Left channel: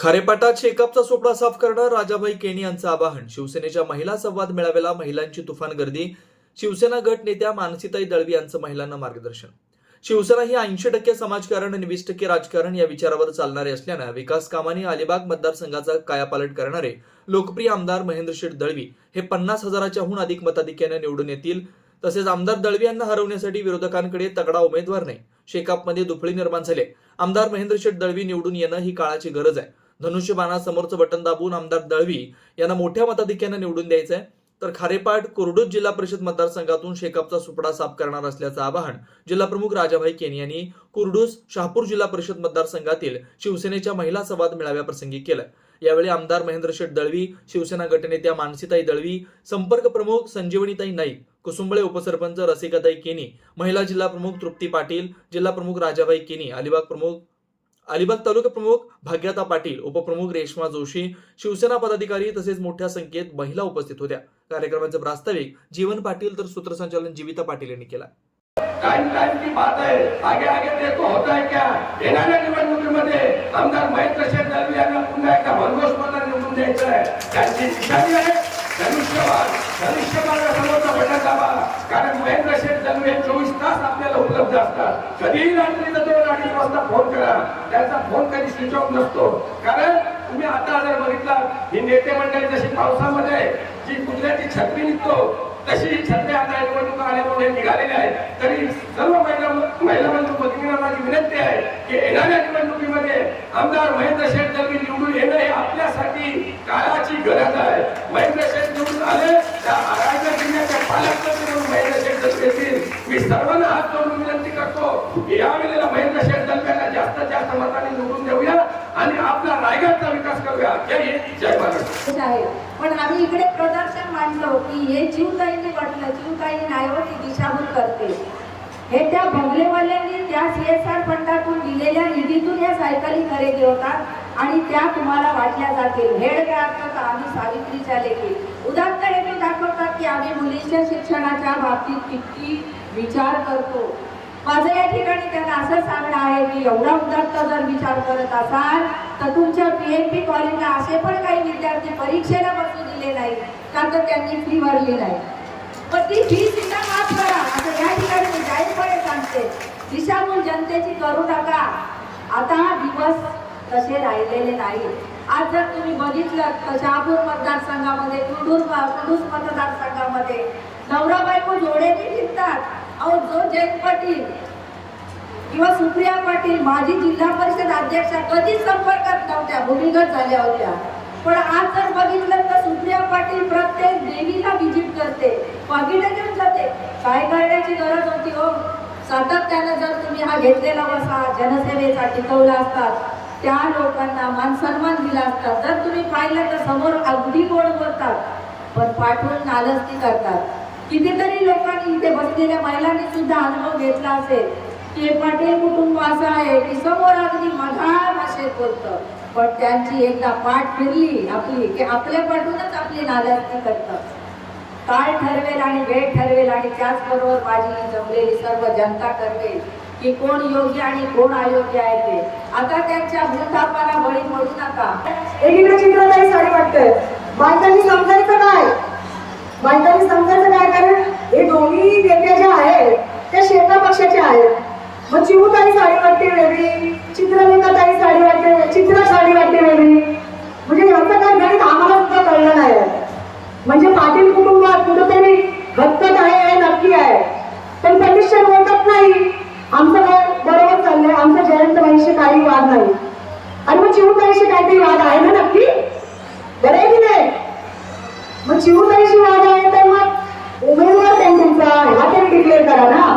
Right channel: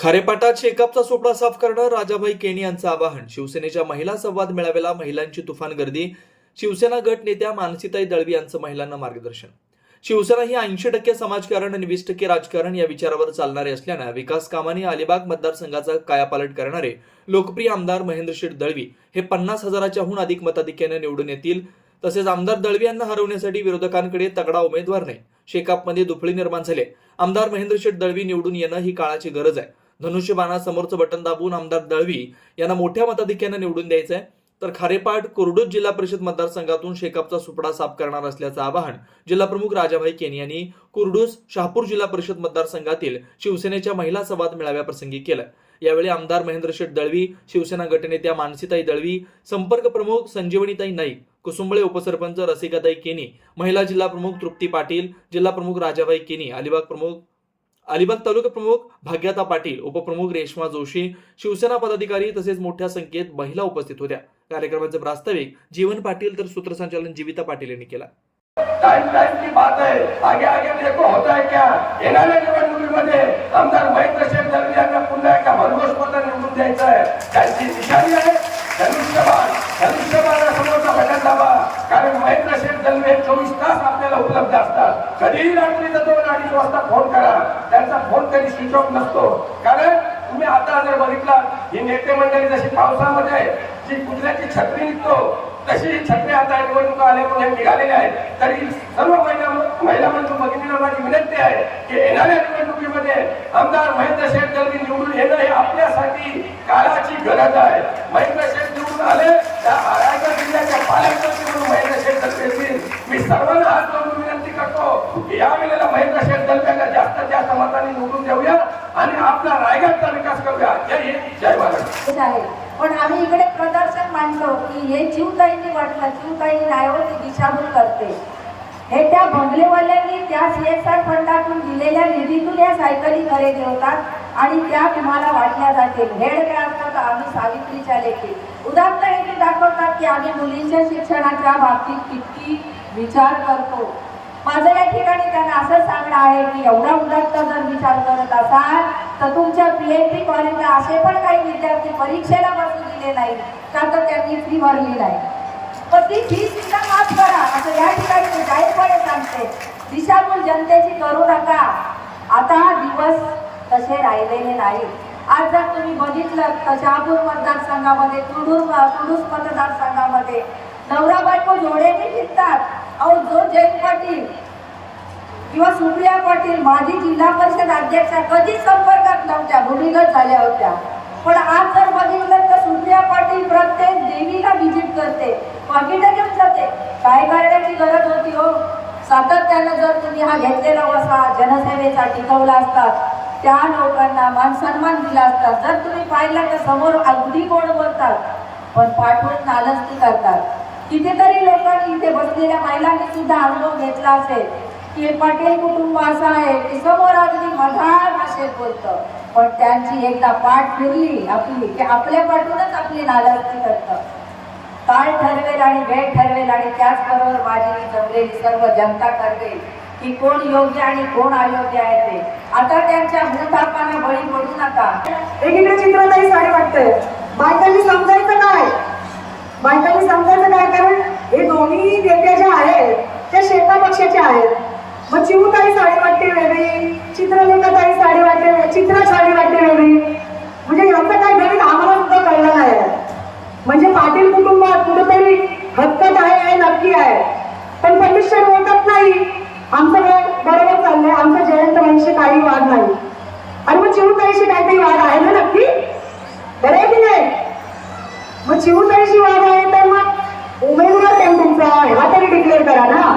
खारेपाटात शेकापचा सोपडा साफ करणं राजाभाई केणी यांचं आवाहन. शिवसेनेच्या महिला संवाद मेळाव्याला महिलांची तुफान गर्दी. शिवसेना गट नेत्या मानसीताई दळवी यांचं महिलांना मार्गदर्शन. शिवसेना ही ऐंशी टक्के समाजकारण आणि वीस टक्के राजकारण या विचारावर चालणारे असल्यानं विकास कामाने अलिबाग मतदारसंघाचा कायापालट करणारे लोकप्रिय आमदार महेंद्र शेठ दळवी हे पन्नास हजाराच्याहून अधिक मताधिक्याने निवडून येतील. तसेच आमदार दळवी यांना हरवण्यासाठी विरोधकांकडे तगडा उमेदवार नाही. शेकापमध्ये दुफळी निर्माण झाले. आमदार महेंद्र शेठ दळवी निवडून येणं ही काळाची गरज आहे. धनुष्यबाणासमोरचं बटन दाबून आमदार दळवी यांना मोठ्या मताधिक्याने निवडून द्यायचं आहे तर खारेपाट कुर्डूज जिल्हा परिषद मतदारसंघातून शेकापचा सुपडा साफ करणार असल्याचं आवाहन जिल्हाप्रमुख राजाभाई केनी यांनी कुरडूस शहापूर जिल्हा परिषद मतदारसंघातील शिवसेनेच्या महिला संवाद मेळाव्याप्रसंगी केलं. यावेळी आमदार महेंद्र शेठ दळवी शिवसेना गटनेत्या मानसीताई दळवी संपर्क प्रमुख संजीवनीताई नाईक कुसुंबळे उपसरपंच रसिकाताई केनी महिला जिल्हा प्रमुख तृप्ती पाटील जिल्हा प्रमुख राजाबाई केनी अलिबाग प्रमुख अलिबाग तालुका प्रमुख भाग्यता पाटील उपप्रमुख रेश्मा जोशी शिवसेना पदाधिकारी तसेच मोठ्या संख्येत महिला उपस्थित होत्या. कार्यक्रमाचे प्रास्ताविक जीवन पाटील तर सूत्रसंचालन जीविता पाटील यांनी केला. टाइम टाइम की बात है. आगे आगे देखो होता है क्या? येणाऱ्या निवडणुकीमध्ये आमदार महेंद्र शेठ यांना पुन्हा एकदा भरघोस मतं निवडून द्यायचं आहे त्यांची निशाणी आहे धनुष्यबाण धनुष्यबाणासमोरचा बटन दाबा कारण महेंद्र शेठ दळवी हे चोवीस तास आपल्याला उपलब्ध असतात. कधीही रात्रीचा दोन अडीच वाजता फोन करा. त्यांचा फोन कधी स्विच ऑफ नसतो. कारण तुम्ही आता जर बघितलं ही नेते मंडळी जशी पावसामध्ये जी कुत्र्याची छत्री निघतो तशी ही छत्री आता निवडणुका आल्यामुळे निघालेली आहे. तरी सर्व महिला महिला बंधू भगिनींना माझी विनंती आहे की येणाऱ्या निवडणुकीमध्ये आमदार महेंद्र शेठ मी निवडून येणं हे आपल्यासाठी काळाची गरज आहे. महेंद्र शेठ निवडून आले त्या रायगड जिल्ह्याच्या पालकमंत्री म्हणून महेंद्र शेठ दळवी येतील. मी सर्वांना हात जोडून विनंती करतो या वेळेला महेंद्र शेठ दळव्यांना जास्तीत जास्त मतांनी निवडून देऊया आणि आपला रायगडचा विकास करूया. जय हिंद जय महाराष्ट्र. आहे. पण आम्ही इकडे प्रदर्शन मांडलो की हे जीवताईंनी वाटलं जीवताई रायवती दिशाभूल करते. हे त्या बंगलेवाल्यांनी त्या सी एस आर फंडातून दिलेल्या निधीतून या सायकली खरेदी होतात आणि त्या तुम्हाला वाटल्या जातील. हेड काय असतं आम्ही सावित्रीच्या लेखी. उदाहरण हे दाखवतात की आम्ही मुलींच्या शिक्षणाच्या बाबतीत किती विचार करतो. माझं या ठिकाणी त्यांना असं सांगणं आहे की एवढा उदात्त जर विचार करत असाल तर तुमच्या पीएचडी कॉलेजला असे पण काही विद्यार्थी परीक्षेला बसू दिले नाही का तर त्यांनी फी भरली नाही. पण ती फी सुद्धा माफ करा. असं या ठिकाणी मी जाहीरपणे सांगते. दिशाभूल जनतेची करू नका. आता हा दिवस तसे राहिलेले नाही. आज जर तुम्ही बघितलं तर शहापूर मतदारसंघामध्ये कुडूस कुडूस मतदारसंघामध्ये नवरा बायको जोडेने फिरतात अहो जो जयंत पाटील किंवा सुप्रिया पाटील माजी जिल्हा परिषद अध्यक्षा कधीच संपर्कात नव्हत्या भूमिगत झाल्या होत्या. पण आज जर बघितलं तर सुप्रिया पाटील प्रत्येक देवीला व्हिजिट करते पाकिटं घेऊन जाते. काय करण्याची गरज होती हो. सातत्यानं जर तुम्ही हा घेतलेला वसा जनसेवेचा टिकवला असतात त्या लोकांना मान सन्मान दिला असतात. जर तुम्ही पाहिलं तर समोर अगदी गोड बोलतात पण पाठवून नालस्ती करतात. कितीतरी लोकांनी इथे बसलेल्या महिलांनी सुद्धा अनुभव घेतला असेल. की हे पाटील कुटुंब असं आहे की समोर अगदी मधार भाषेत बोलतं. पण त्यांची एकदा पाठ फिरली आपली की आपल्या पाठूनच आपली नालस्ती करतं. काळ ठरवेल आणि वेळ ठरवेल आणि त्याचबरोबर माझी जमलेली सर्व जनता ठरवेल की कोण योग्य आणि कोण अयोग्य आहे ते. आता त्यांच्या भूतापाला बळी पडू नका. एकीकडे चित्राताई साडी वाटतंय. बायकांनी समजायचं काय? बायकांनी समजायचं काय? कारण हे दोन्ही नेत्या ज्या आहेत त्या शेता पक्षाच्या आहेत. मग चिवताई साडी वाटते वेगळी चित्रलेखाताई साडी वाटते चित्रा साडी वाटते वेगळी. म्हणजे याचं काय गणित आम्हाला सुद्धा कळलं नाही. म्हणजे पाटील कुटुंबात कुठंतरी हक्कत आहे हे नक्की आहे. पण पंडित बोलतात नाही. आमचं काय बरोबर चाललंय. आमचं जयंत वंशी काही वाद नाही. आणि मग चिवताईशी काहीतरी वाद आहे ना नक्की? बरं आहे की नाही? मग चिवताईशी वाद आहे तर मग उमेदवार कोण तुमचा ह्या तरी डिक्लेअर करा ना.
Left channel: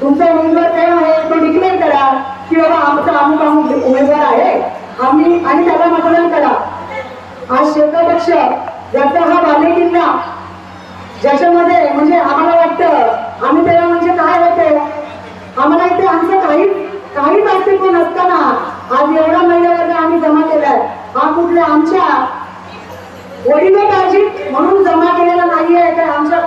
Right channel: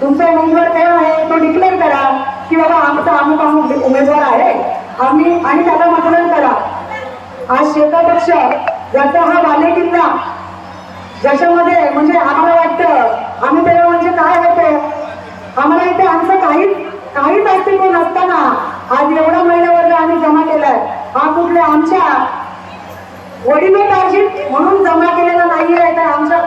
तुमचा उमेदवार कोण आहे तो डिक्लेअर करा की बाबा आमचा अमुक अमुक उमेदवार आहे. आम्ही आणि त्याला मतदान करा. आज शेवटा पक्ष ज्याचा हा बालेकिल्ला ज्याच्यामध्ये म्हणजे आम्हाला वाटतं आम्ही त्याला म्हणजे काय होतं? आम्हाला इथे आमचं काहीच काहीच अस्तित्व नसताना आज एवढा महिला वर्ग आम्ही जमा केलाय. हा कुठल्या आमच्या वडिलोपार्जित म्हणून जमा केलेला नाहीये तर आमच्या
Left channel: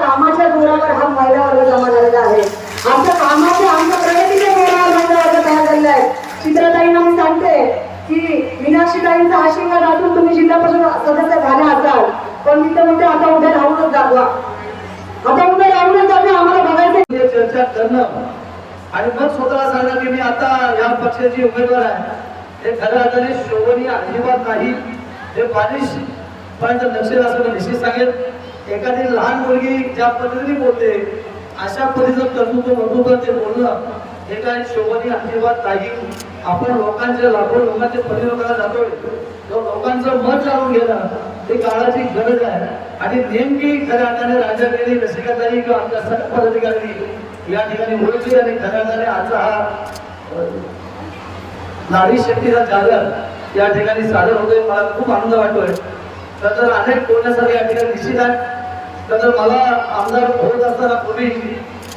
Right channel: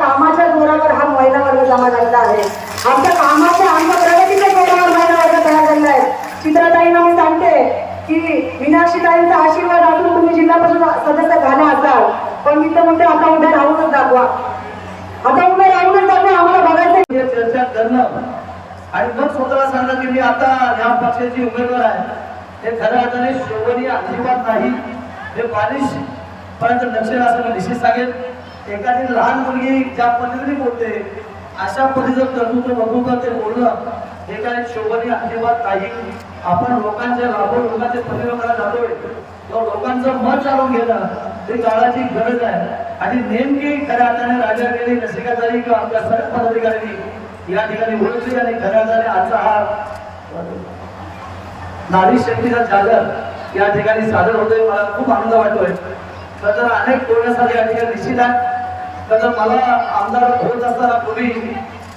कामाच्या जोरावर हा महिला वर्ग जमा झालेला आहे. आमच्या कामाच्या आमच्या प्रगतीच्या जोरावर महिला वर्ग तयार झालेला आहे. चित्रताईंना मी सांगते की मीनाक्षीताईंचा आशीर्वाद असून तुम्ही जिल्हा परिषद सदस्य झाले असाल. पण मी तर म्हणते आता उद्या राहूनच दाखवा. आता उद्या राहूनच दाखवा आम्हाला बघायचं चर्चा करणं आणि मग स्वतःला सांगणं की मी आता या पक्षाची उमेदवार आहे. हे खऱ्या अर्थाने शोभनीय अजिबात नाही. हे बालिश पर्यंत लक्ष असं निश्चित सांगेल एखादी लहान मुलगी ज्या पद्धतीने बोलते अशा पद्धतीचं कर्तृत्व बघून करते बोलणं हे काय शोभनीय आशीर्वाद नाही. आपण लोकांच्या लाखो लोकांच्या प्रतिनिधी जातोय. तो लोकांचं मत जाणून घेणं ते काळाची गरज आहे. आणि नेमकी खऱ्या अर्थाने राजा वेळी रसिकाताई किंवा आमच्या सर्व पदाधिकाऱ्यांनी या ठिकाणी बोलली आणि खऱ्या अर्थाने आजचा हा नारी शक्तीचा जागर या ठिकाणी सादर होतोय. मला खूप आनंद वाटतोय. खरं तर अनेक टोळ्यासाठी या ठिकाणी निश्चित कारण तर मला आमदार होत असताना पूर्वी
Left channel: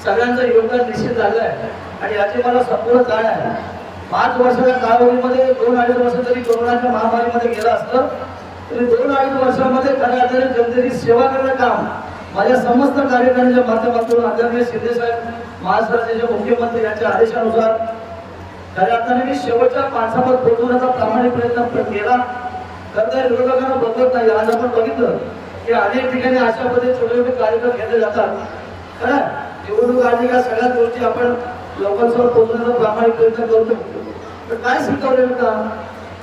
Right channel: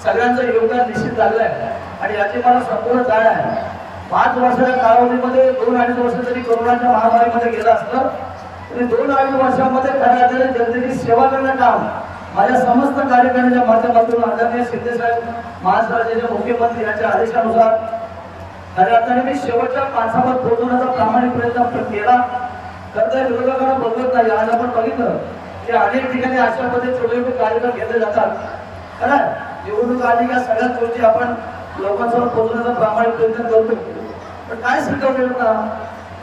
सगळ्यांचं योगदान निश्चित झालं आहे. आणि याची मला संपूर्ण जाण आहे. पाच वर्षाच्या कालावधीमध्ये दोन अडीच वर्ष जरी कोरोनाच्या महामारीमध्ये गेलं असतं तरी दोन अडीच वर्षांमध्ये खऱ्या अर्थाने जनतेची सेवा करण्याचं काम माझ्या समस्त कार्यक्रमाच्या माध्यमातून आदरणीय शिंदेसाहेब महाराष्ट्राचे मुख्यमंत्री यांच्या आदेशानुसार खऱ्या अर्थाने मी शेवटच्या माणसावर पोहोचवण्याचा प्रामाणिक प्रयत्न केला. तर त्या विरोधकांना बघत नाही. आज आपण बघितलं ते अनेक ठिकाणी अशा मध्ये छोटे छोटे कार्यक्रम घेतले जातात. खरं निवडणूक आली का सगळ्याच गोष्टी आपण लोकांसमोर पोहोचण्याचा प्रामाणिक प्रयत्न करतो पण काय सिद्ध होता?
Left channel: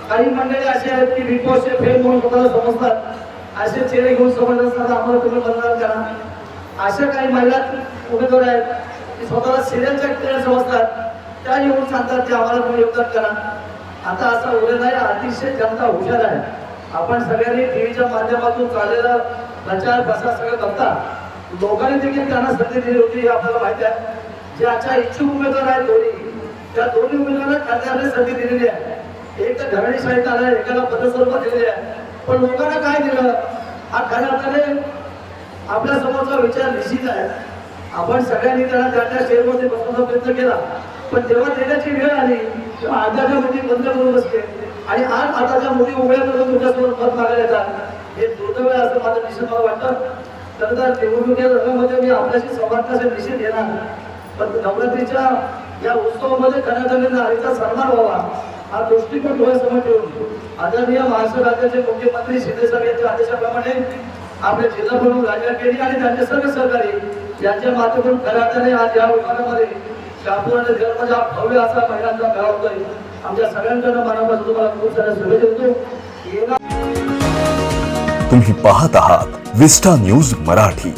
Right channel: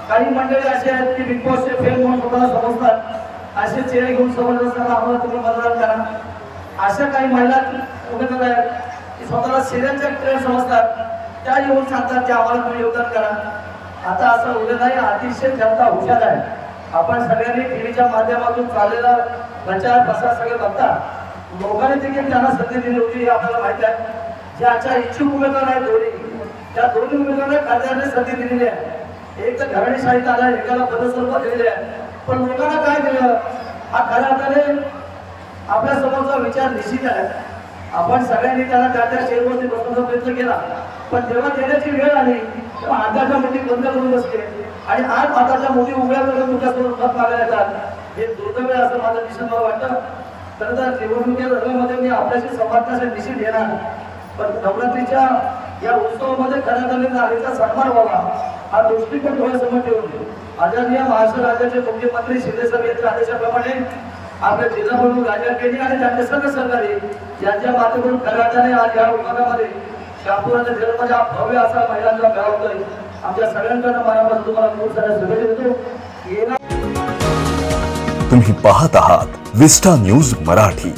काही मंडळी असे आहेत की बिग बॉसचे फेल म्हणून स्वतःला समजतात. असे चेहरे घेऊन समजत असताना आम्हाला तुम्ही बरोबर कारण. अशा काही महिला उमेदवार आहेत की स्वतःला सिरियलच्या खेळ समजतात. त्या येऊन सांगतात की आम्हाला तुम्ही योगदान करा. आता असं उभे नाही अतिशय जनता हुशार आहे. आपण सगळ्यांनी टीव्हीच्या माध्यमातून चाललेला प्रचार प्रसार सगळे बघतात लोकांनी देखील त्यांना संधी दिली होती हे आपल्याला माहिती आहे. ज्याच्या इच्छुक उमेदवार आहेत दोन्ही त्या दोन्ही उमेदवारांना खासदारांनी संधी दिलेली आहे. एक तर घराणेशाहीत आला एकाला पदस्वरूप दिलेले आहे. पण लोकांना काय दिलं? हा खऱ्या अर्थाने आपल्या समोरचा विचार निश्चित आहे. आपण सगळ्यांनी त्याला त्या त्या शेअरमध्ये बसवण्याचा प्रयत्न केला. पण जेव्हा देण्याची वेळ आली तेव्हा आताच्या बंद करून बसले. आणि आज आताच्या मुली उभ्या करून तुझ्यासोबत मत मागायला येतात हे दुर्दैव असं माझं निश्चित मला वाटतं. खरं तर निवडणुकीच्या रवीमध्ये मी आपल्याशी संवादण्याचा निश्चित येणार पण नवरात्रीच्या या उत्सवामध्ये खऱ्या झाले नारीचा सन्मान व्हावा. हा दृष्टिकोन डोळ्यासमोर ठेवून आदरणीय महाराष्ट्र राज्याचे मुख्यमंत्री शिंदे साहेब यांच्या आदेशाप्रमाणे आपल्या जिल्हा प्रमुख राजा केली आणि त्यांचे सर्व सहकारी यांच्या माध्यमातून खऱ्या अर्थाने आज या विभागामध्ये शासनाचं घर म्हणजे हा भव्य असा महिलांचा घराबद्दल आमच्या सगळ्यांकडनं मनापासून तुम्हाला खूप साऱ्या शुभेच्छा देतो. तुम्ही पाहत आहात विस्टा न्यूज मराठी.